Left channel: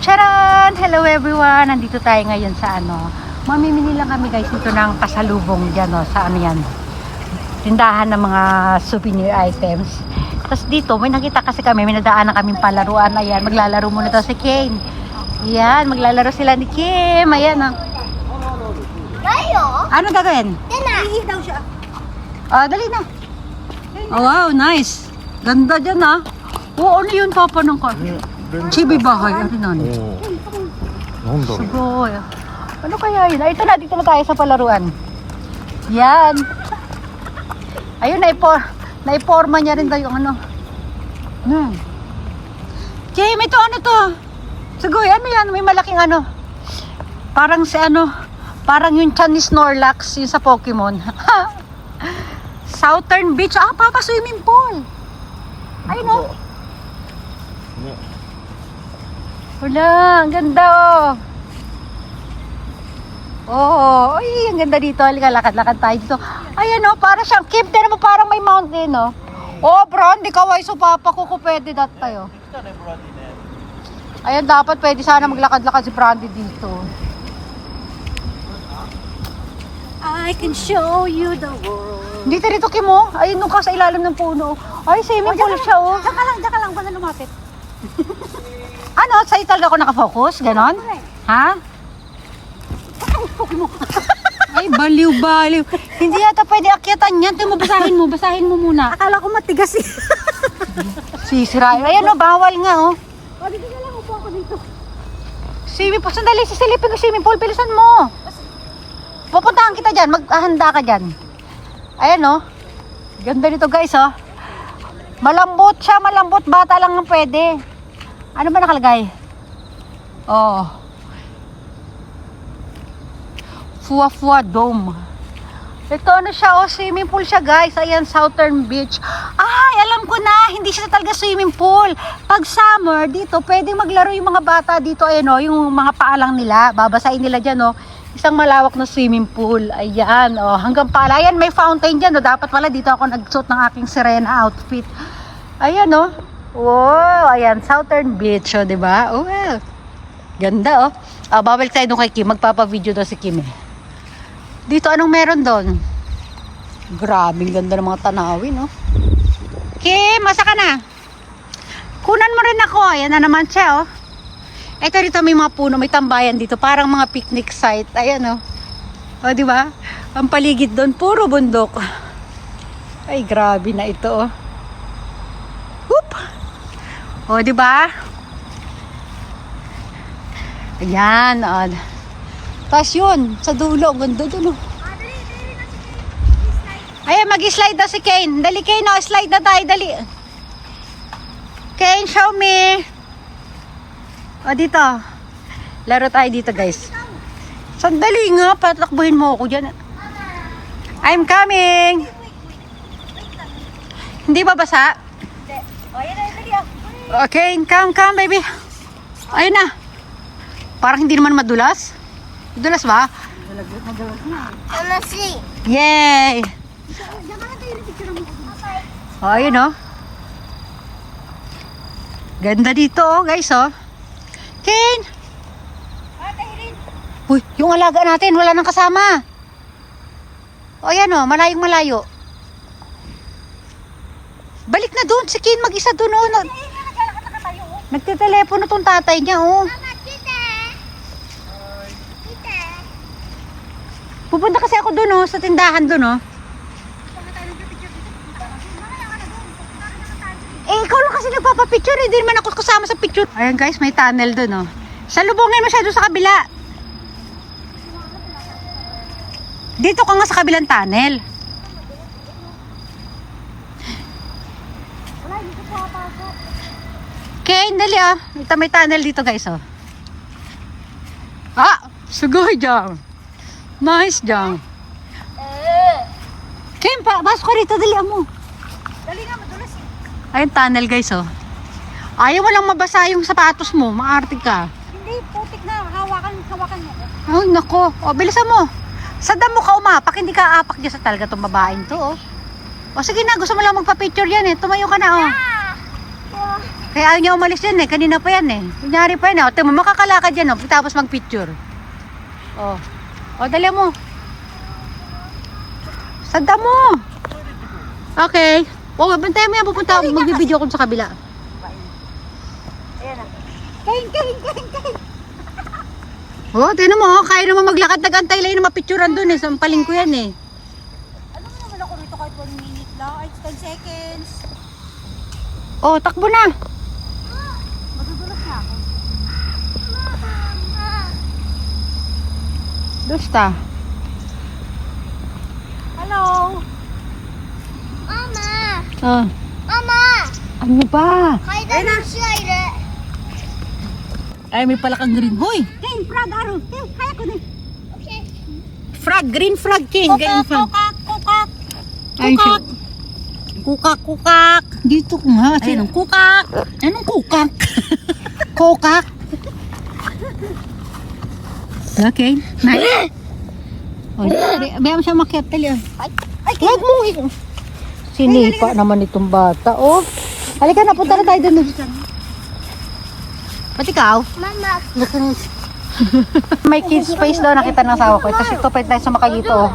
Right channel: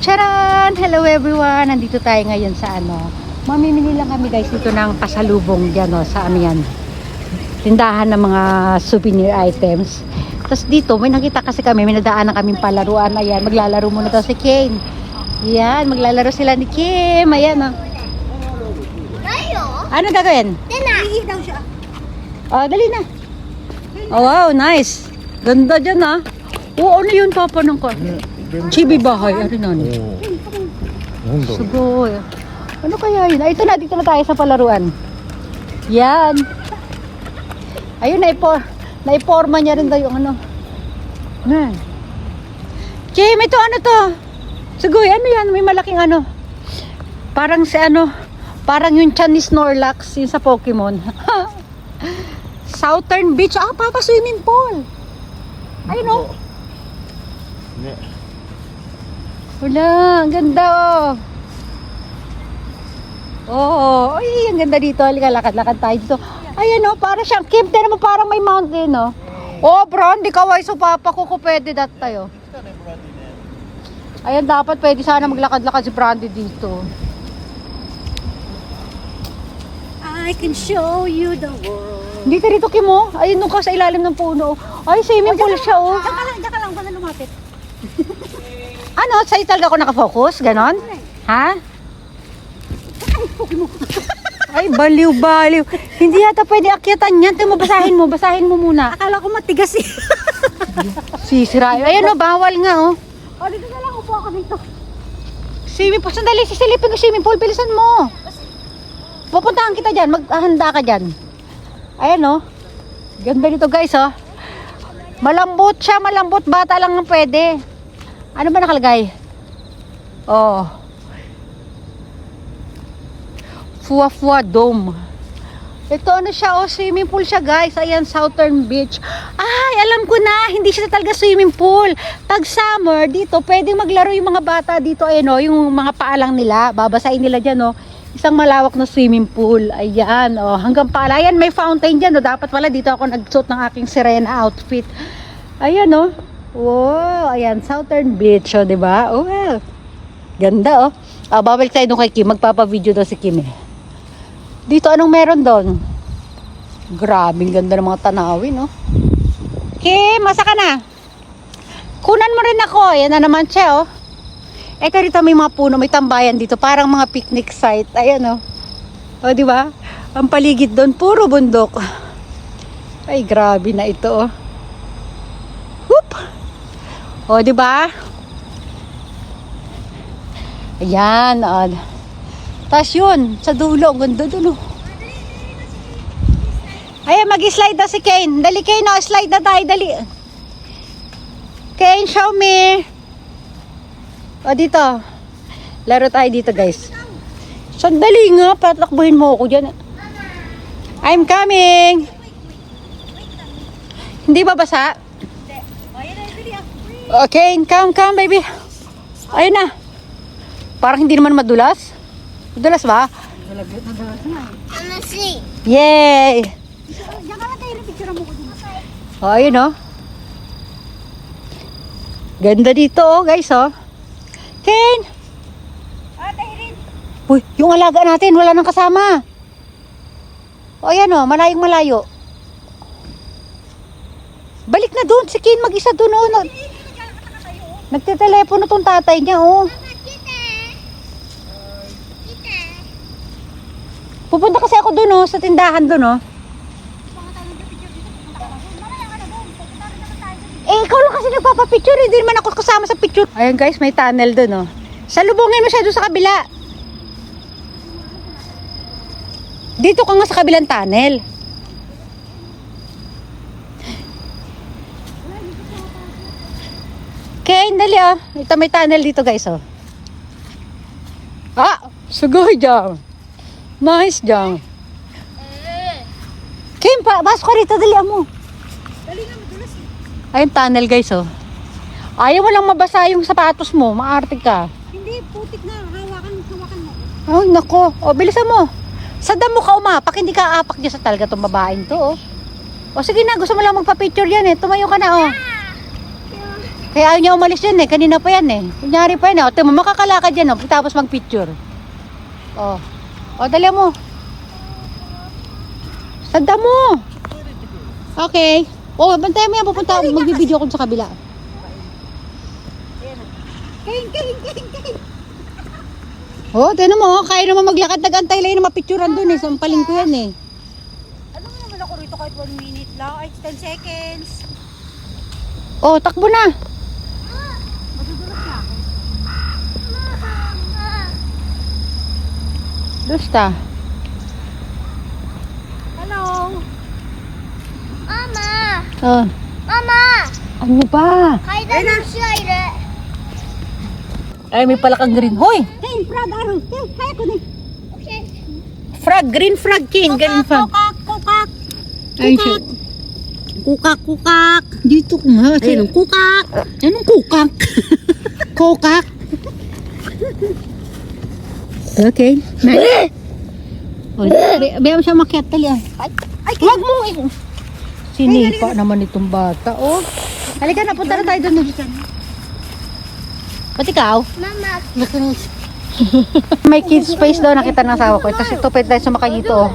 Charan! Hello everyone! Nandito tayo ngayon sa mamimili lang kami guys dito ng pasalubong dyan sa yan. Tindahan ng mga souvenir items. Tapos dito, may nakita kasi kami, may nadaan na kaming palaruan. Ayan, maglalaro muna daw si Kane. Ayan, maglalaro sila ni Kim. Ayan Tayo? Ano gagawin? Ihi daw siya. Dali na. Oh, wow, nice. Ganda dyan ano yun papa ng ko? Chibi bahay. Ano na? Sugoy. Ano kaya yun? Ito na, dito na tayo sa palaruan. Yan. Ayun, naiporma niya rin tayo yung Kim, ito ano to? Sugoy, ano yan? May malaking parang si parang yung Chinese Snorlax yun sa Pokemon. Southern Beach. Papa, swimming pool. Ayun wala, ang ganda ay, ang ganda dito. Halika, lakad-lakad tayo dito. Ayan para siyang Kim, pero mo parang may mountain Brandy, kaway so papa ko pwede dat tayo. Ayan, dapat pwede sana maglakad-lakad si Brandy dito. I can show you the world. Dito Kim ayun nung ka sa ilalim ng puno. Ay, swimming pool siya Diyan ka lang, baka lumapit. Sa'yo talaga ako nakafocus? Ganon? Ha? Ay, baliw. Hindi yata pwede akyatan yan. Basahin mo muna. Akala ko matigas eh. Sisira. Ayan bawal nga Dito na lang, upo ako dito. Swimming pool. Sandali, sisilipin ng swimming pool. Bilisan mo. Pupuntahan kita dyan. Maghahanda ka dyan. Ayan Ganda dito guys Malambot siya, malambot. Bata lang ang pwede. Ano ba nakalagay? Fua Dome. Ito siya swimming pool siya guys. Ayan, Southern Beach. Ay, alam ko na, hindi siya talaga swimming pool. Pag summer, dito pwede maglaro yung mga bata dito. Ayan yung mga paalang nila. Babasain nila dyan Isang malawak na swimming pool. Ayan hanggang pala. Ayan, may fountain dyan Dapat pala dito ako nagsuot ng aking sirena outfit. Ayan wow, ayan, Southern Beach diba? Well, ganda babalik tayo doon kay Kim. Magpapa-video daw si Kim Dito, anong meron doon? Grabing ganda ng mga tanawin Kim, masa ka na? Kunan mo rin ako. Ayan na naman siya Ito dito may mga puno, may tambayan dito. Parang mga picnic site. Ayan diba? Ang paligid doon, puro bundok. Ay, grabe na ito Whoop! Diba? Ayan tapos yun, sa dulo, ganda doon Ay, mag-slide na si Kane. Dali Kane slide na tayo, dali. Kane, show me. Dito. Laro tayo dito guys. Sandali nga, patakbuhin mo ako dyan. I'm coming. Hindi ba basa? Okay, come baby. Ayun na. Parang hindi naman madulas. Madulas ba? Madulas na. Yay! Diyan ka lang tayo rin picture mo. Ayun ganda dito guys Ken! Uy, yung alaga natin wala nang kasama. Ayan malayong malayo. Balik na doon si Ken, mag-isa doon Nagte-telepono tong tatay niya Pupunta kasi ako doon sa tindahan doon ikaw lang kasi nagpapapicture hindi naman ako kasama sa picture. Ayan guys, may tunnel doon salubungin mo siya doon sa kabila. Dito ka nga sa kabilang tunnel. Okay, dali ito may tunnel dito guys sugoy dyan. Nice dyan. Kim, basok ka rito, dali mo. Dali nga, madulas Ayun tunnel guys Ayaw mo lang mabasa yung sapatos mo, maarte ka. Hindi, putik na, hawakan mo. Ay nako, bilisan mo. Sa damo ka umapak, hindi ka apak dyan sa talaga itong babaeng to sige na, gusto mo lang magpa-picture yan tumayo ka na Kaya ayaw niya umalis yun eh. Kanina pa yan eh. Kunyari pa yan eh. O, tingnan mo, makakalakad yan oh. Tapos mag-picture. O. O, dali mo. Sanda mo. Okay. O, bantayan mo yan. Pupunta. Magbibideo ako sa kabila. Kain. O, tingnan mo. Kaya naman maglakad. Nag-antay lang yung mapicturean dun eh. Sampaling ko yan eh. Ano mo naman ako rito kahit 1 minute lang? Ay, 10 seconds. O, takbo na. Madudulot na ako. Basta. Hello? Mama! Oh. Mama! Ano ba? 階段の虫がいる。 Ay, may palakang green. Hoy! Hey, frog, Aro. Hey, kaya ko na. Frog, green frog king. Green frog. Kukak. Ay, siya. Kukak. Dito ko nga. Ayun, kukak. Anong kukak? Kukak? Okay. Oh, bayaan mo siya makiat. Tali ah. Huwag mo. Sinipa naman itong bata. Oh. Halika na, punta na tayo doon. Ba't ikaw? Mama! May kids space daw nakita ng asawa ko. Kasi ito pwede tayo sumakay nito. Oh.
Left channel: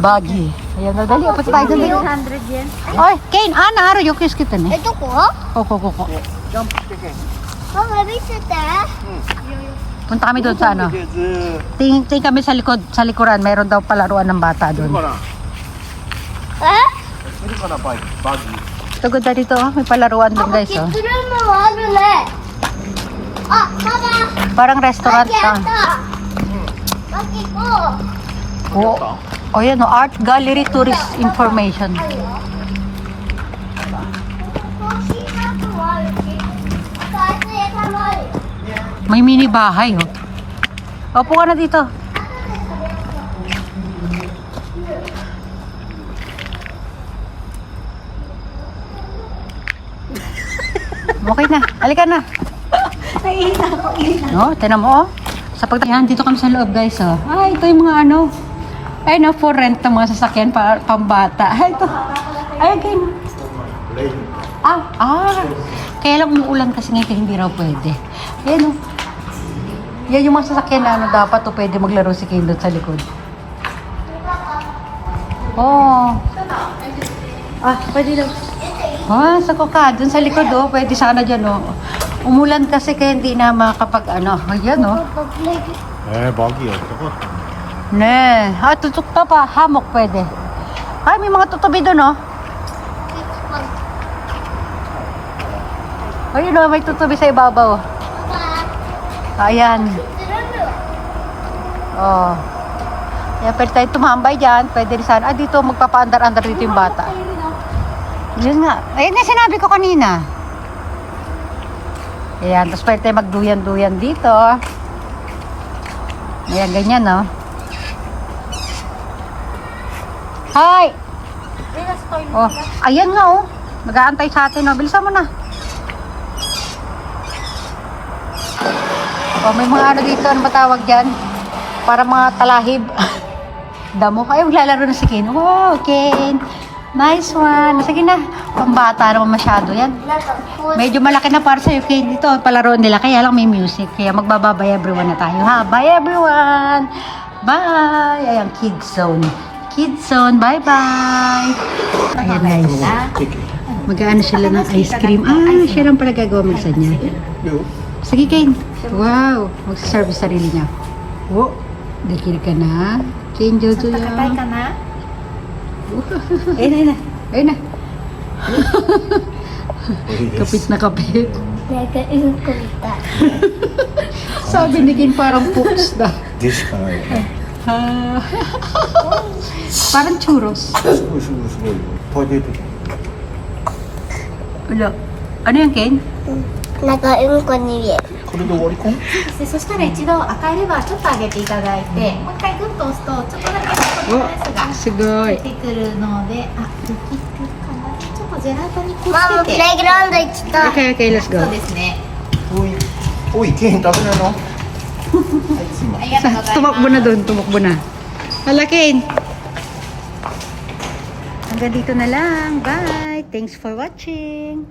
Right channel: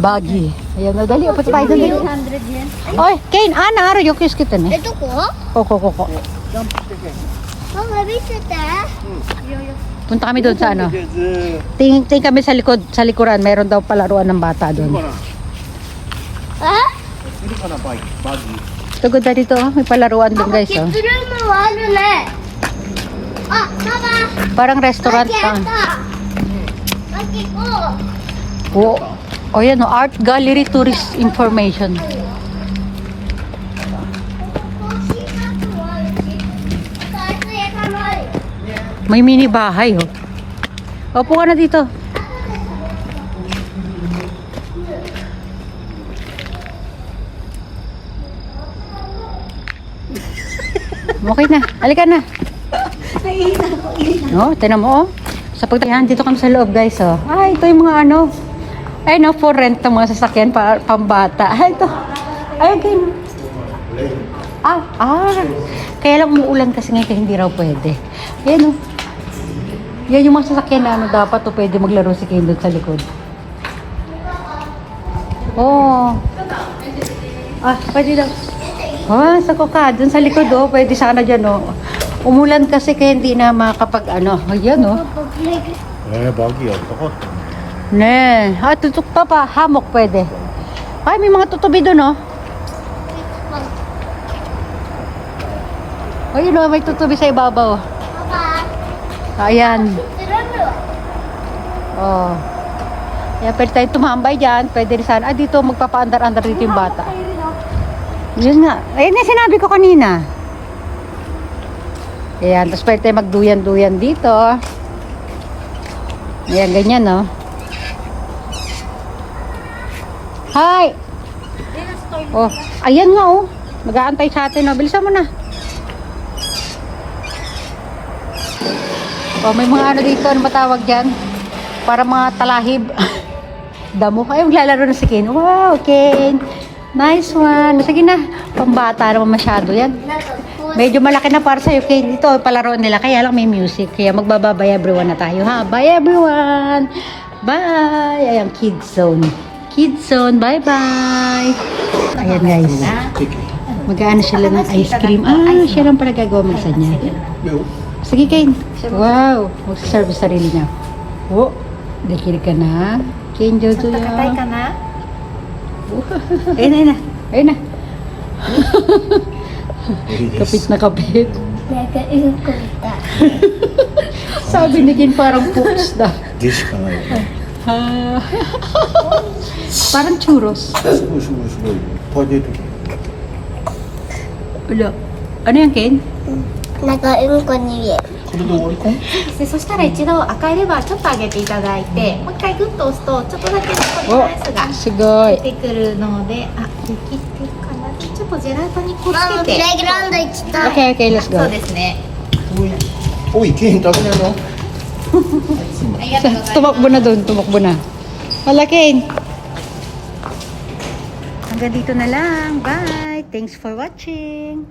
Baggy. Ayan, madali. Punta tayo doon. 100 yen. Ay, Kane, Ana, yung kiss kita ni. どこ Kuko. ママ見せて。 Punta kami doon sa ano. Tingin kami sa likod, sa likuran. Mayroon daw palaruan ng bata doon. え Tugod na dito, oh. May palaruan doon パパ、 guys. キッ Oh. ズルームもあるね。あ、ママ Parang マ restaurant. キあっ Ah. た。マキ行こう。 Oh, yan, oh. Art Gallery Tourist Information. コーヒーカップもあるし。あとアイス屋さんもある。 May mini bahay, oh. Opo ka na dito. Okay na. Halika na. No, tinan mo, oh. Sa pagtayan, dito kami sa loob, guys, oh. Ay, ito yung mga ano. Ay, no, for rent ng mga sasakyan para pambata. Ay, ito. Ay, kin. Kaya lang umuulan kasi ngayon hindi raw pwede. Yan, oh. Yan yung mga sasakyan na ano dapat o pwede maglaro si Kane doon sa likod. Oh. Pwede daw. Sako ka, dun sa likod oh, pwede sana dyan oh. Umulan kasi kaya hindi na makapag ano. Ayan oh. パパ、プレイ。 バギーやりたかった。 Ne, tutok pa pa, hammock pwede. Ay, may mga tutubi dun oh. Ayun oh, may tutubi sa ibabaw. パパ、 Ayan. キッズルームは Oh. Kaya pwede tayo tumambay dyan. Pwede rin sana. Dito magpapaandar-andar dito yung bata. Yun nga. Ayun na sinabi ko kanina. Ayan. Tapos pwede tayo magduyan-duyan dito. Ayan, ganyan no. Hi! Oh, ayan nga oh. Mag-aantay sa atin oh. Bilisan mo na. Oh, may mga ano dito. Ano ba tawag dyan? Para mga talahib. Damo kayo maglalaro na si Ken. Wow, Ken. Nice one. Sige na. Kung bata naman masyado yan. なんかこう Medyo malaki na para sa'yo, Ken. Ito, palaro nila. Kaya lang may music. Kaya magbababay everyone na tayo. Ha? Bye everyone. Bye. Ayan, Kids Zone. Kids Zone. Bye-bye. Ayan guys. Mag-aano sila ng ice cream. Siya lang pala gagawa sa niya. Sige, Ken. Wow. Magsaserve sa sarili niya. Oh. Dikir ka na. Ken, Jojo yan. 硬いかな Ayun na. Ayun na. Kapit na kapit. なんかうんこみたい。 Sabi ni Ken parang poops daw. でしかないよね。 Parang churros. すごいすごいすごい。パゲティ。 Wala. Ano yung Ken? なんかうんこに見える。これで終わりか？でそしたら一度赤いレバーちょっと上げていただいて、もう一回グッと押すとちょっとだけこのやつが Sugoy. 出てくるので、できてるかな。ちょっとジェラートにこうママ、プレイつけて。グラウンド行きたい。 Okay, okay, let's そう go. ですね。おい、ケン食べないの？ありがとうございます Tumakbo na doon, tumakbo na. Hala, Ken. Hanggang dito na lang. Bye. Thanks for watching.